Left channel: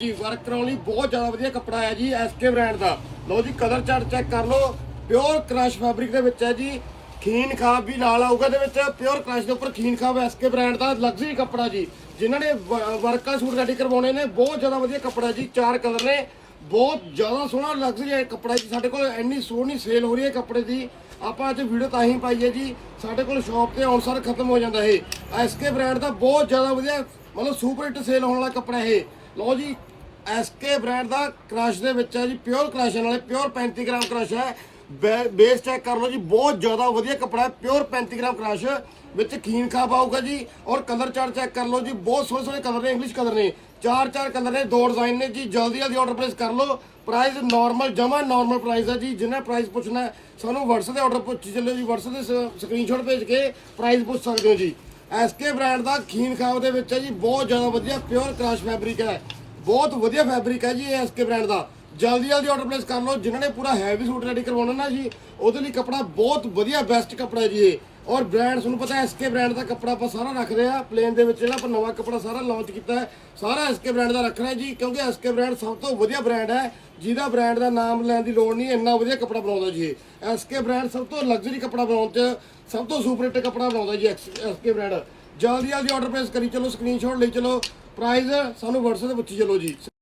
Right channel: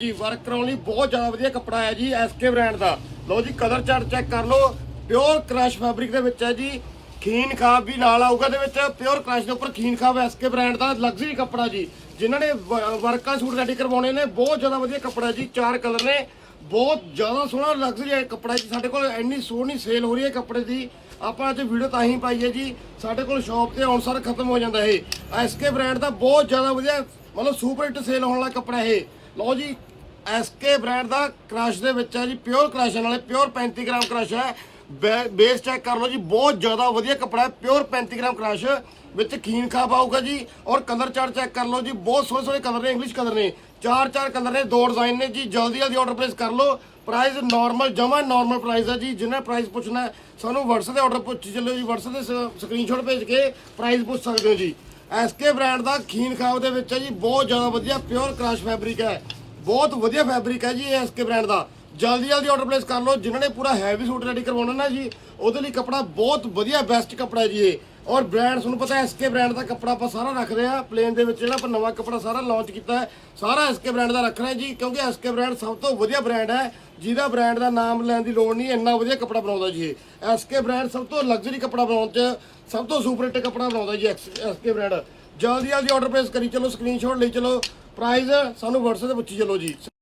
ਜੀ ਵਰਕ ਕਰਾਉਣ ਲਈ ਬਹੁਤ ਜ਼ਿਆਦਾ ਵਧੀਆ ਕੱਪੜਾ ਹੈ ਜੀ ਐਸਕੇ ਬ੍ਰਾਂਡ ਦਾ। ਲਓ ਜੀ ਕਲਰ ਚਾਰਟ ਚੈੱਕ ਕਰ ਲਓ। ਪਿਓਰ ਕ੍ਰਸ਼ ਫੈਬਰਿਕ ਦੇ ਵਿੱਚ ਹੈ ਜੀ। ਖੀਨ ਖਾਬ ਵੀ ਨਾਲ ਆਊਗਾ ਦੇ ਵਿੱਚ। ਪਿਓਰ ਕ੍ਰਸ਼ ਦੇ ਉੱਪਰ ਖੀਨ ਖਾਬ ਐਸਕੇ ਬ੍ਰਾਂਡ ਦਾ ਲਗਜ਼ਰੀ ਕੱਪੜਾ ਜੀ। ਜਿਨ੍ਹਾਂ ਨੇ ਵਰਕਾਂ ਸੂਟ ਰੈਡੀ ਕਰਵਾਉਣੇ ਨੇ, ਬਹੁਤ ਜ਼ਿਆਦਾ ਵਧੀਆ ਕੱਪੜਾ ਜੀ, ਚਾਰ ਕਲਰ ਨੇ। ਬਹੁਤ ਜ਼ਿਆਦਾ ਸੋਹਣਾ ਲਗਜ਼ਰੀ ਕੱਪੜਾ ਜੀ। ਸਾਡੇ ਕੋਲ ਇੰਨੀ ਸੋਹਣੀ ਸੇਲ ਹੋ ਰਹੀ ਹੈ ਕੱਪੜੇ ਦੀ। ਆਪਾਂ ਅੱਜ ਵੀਡੀਓ ਤਾਂ ਹੀ ਪਾਈ ਹੈ ਜੀ। ਸਾਡੇ ਕੋਲ ਸ਼ਾਪ ਤੇ ਆਉਣ ਆਨਸਰ ਖਤਮ ਹੋ ਜਾਂਦਾ ਇਹ। ਐਸਕੇ ਬ੍ਰਾਂਡ ਦਾ ਬਹੁਤ ਜ਼ਿਆਦਾ ਵਧੀਆ, ਮਤਲਬ ਸੁਪਰ ਹਿੱਟ ਸੇਲ ਹੋਣ ਵਾਲਾ ਕੱਪੜਾ ਇਹ। ਲਓ ਜੀ ਐਸਕੇ ਬ੍ਰਾਂਡ ਦਾ ਕ੍ਰਸ਼ ਦੇ ਵਿੱਚ ਹੈ ਜੀ ਪਿਓਰ ਕ੍ਰਸ਼ ਨਾਲੇ ਪਿਓਰ 35 ਗ੍ਰਾਮ ਕ੍ਰਸ਼ ਹੈ। ਬੇ- ਬੇਸ ਚੈੱਕ ਕਰ ਲਓ ਜੀ, ਬਹੁਤ ਜ਼ਿਆਦਾ ਵਧੀਆ ਕੱਪੜਾ ਹੈ ਪਿਓਰ 35 ਗ੍ਰਾਮ ਕ੍ਰਸ਼, ਵਿੱਚ ਖੀਨ ਖਾਬ ਆਊਗਾ ਜੀ, ਔਰ ਕਲਰ ਚਾਰ ਚੈੱਕ ਕਰ ਲਓ ਜੀ, ਬਹੁਤ ਸੋਹਣੇ ਸੋਹਣੇ ਕਲਰ ਨੇ ਇੰਗਲਿਸ਼ ਕਲਰ ਨੇ। ਚਾਰ ਚਾਰ ਕਲਰ ਨੇ, ਦੋ ਡਿਜ਼ਾਈਨ ਨੇ ਜੀ, ਜਲਦੀ ਜਲਦੀ ਆਰਡਰ ਪਲੇਸ ਕਰ ਲਓ। ਪ੍ਰਾਈਸ ਨਾਰਮਲ ਜਮਾ ਨਾਰਮਲ ਪ੍ਰਾਈਸ ਹੈ ਜੀ, ਜਿੰਨਾ ਪ੍ਰਾਈਸ ਪੁੱਛਣਾ ਸਾਨੂੰ WhatsApp ਤੇ ਆਰਡਰ ਪੁੱਛ ਚੱਲੋ ਜੀ, WhatsApp ਤੇ ਸਕਰੀਨਸ਼ਾਟ ਭੇਜ ਕੇ ਪ੍ਰਾਈਸ ਪੁੱਛ ਸਕਦੇ ਹੋ ਜੀ। ਐਸਕੇ ਬ੍ਰਾਂਡ ਦਾ ਖੀਨ ਖਾਬ ਦੇ ਵਿੱਚ ਹੈ ਜੀ, ਬਹੁਤ ਜ਼ਿਆਦਾ ਵਧੀਆ ਪਿਓਰ ਕ੍ਰਸ਼ ਫੈਬਰਿਕ ਹੈ। ਬਹੁਤ ਵਧੀਆ ਫੈਬਰਿਕ ਹੈ ਜੀ ਇਹ ਐਸਕੇ ਬ੍ਰਾਂਡ ਦਾ। ਜਲਦੀ ਜਲਦੀ ਆਰਡਰ ਪਲੇਸ ਕਰ ਲਓ। ਜਿਨ੍ਹਾਂ ਨੇ ਪੂਰਾ ਹੈਵੀ ਸੂਟ ਰੈਡੀ ਕਰਵਾਉਣਾ ਨਾ ਜੀ, ਉਹਦੇ ਲਈ ਕੱਪੜਾ ਬਹੁਤ ਵਧੀਆ ਬੈਸਟ ਕੱਪੜਾ ਜੀ ਇਹ। ਔਰ ਬ੍ਰਾਂਡ ਤੁਹਾਨੂੰ ਪਤਾ ਹੈ ਐਸਕੇ ਬ੍ਰਾਂਡ ਦਾ ਕੱਪੜਾ ਆਪਾਂ ਸਾਰਾ ਰੱਖਦੇ ਆ ਪਲੇਨ ਦੇ ਵਿੱਚ ਜਿਹੜਾ ਆਪਾਂ ਨਵਾਂ ਕੱਪੜਾ ਸਾਰਾ ਲਾਂਚ ਕੀਤਾ ਹੈ, ਸਾਰਾ ਐਸਕੇ ਬ੍ਰਾਂਡ ਦਾ ਰੱਖਣਾ ਹੈ ਜੀ, ਕਿਉਂਕਿ ਐਸਕੇ ਬ੍ਰਾਂਡ ਸਭ ਤੋਂ ਵਧੀਆ ਬ੍ਰਾਂਡ ਹੈ। ਜਿਹਦਾ ਬ੍ਰਾਂਡ ਦਾ ਨਾਮ ਲੈਣ ਦੀ ਲੋੜ ਨਹੀਂ, ਇੰਨਾ ਵਧੀਆ ਕੱਪੜਾ ਬਣਾਉਂਦਾ ਜੀ ਇਹ। ਐਸਕੇ ਬ੍ਰਾਂਡ ਸਭ ਤੋਂ ਲਗਜ਼ਰੀ ਕੱਪੜਾ ਬਣਾਉਣ ਚ ਸਭ ਤੋਂ ਸੁਪਰ ਹਿੱਟ ਕੱਪੜਾ ਬਣਾਉਂਦਾ ਜੀ ਐਸਕੇ ਬ੍ਰਾਂਡ ਜਲਦੀ ਜਲਦੀ ਆਰਡਰ ਪਲੇਸ ਕਰੀ, ਚਲੋ ਸਕਰੀਨਸ਼ਾਟ ਲਈ ਚਲੋ। ਪ੍ਰਾਈਜ਼ ਸਾਨੂੰ WhatsApp ਤੇ ਪੁੱਛੀ ਚਲੋ ਜੀ।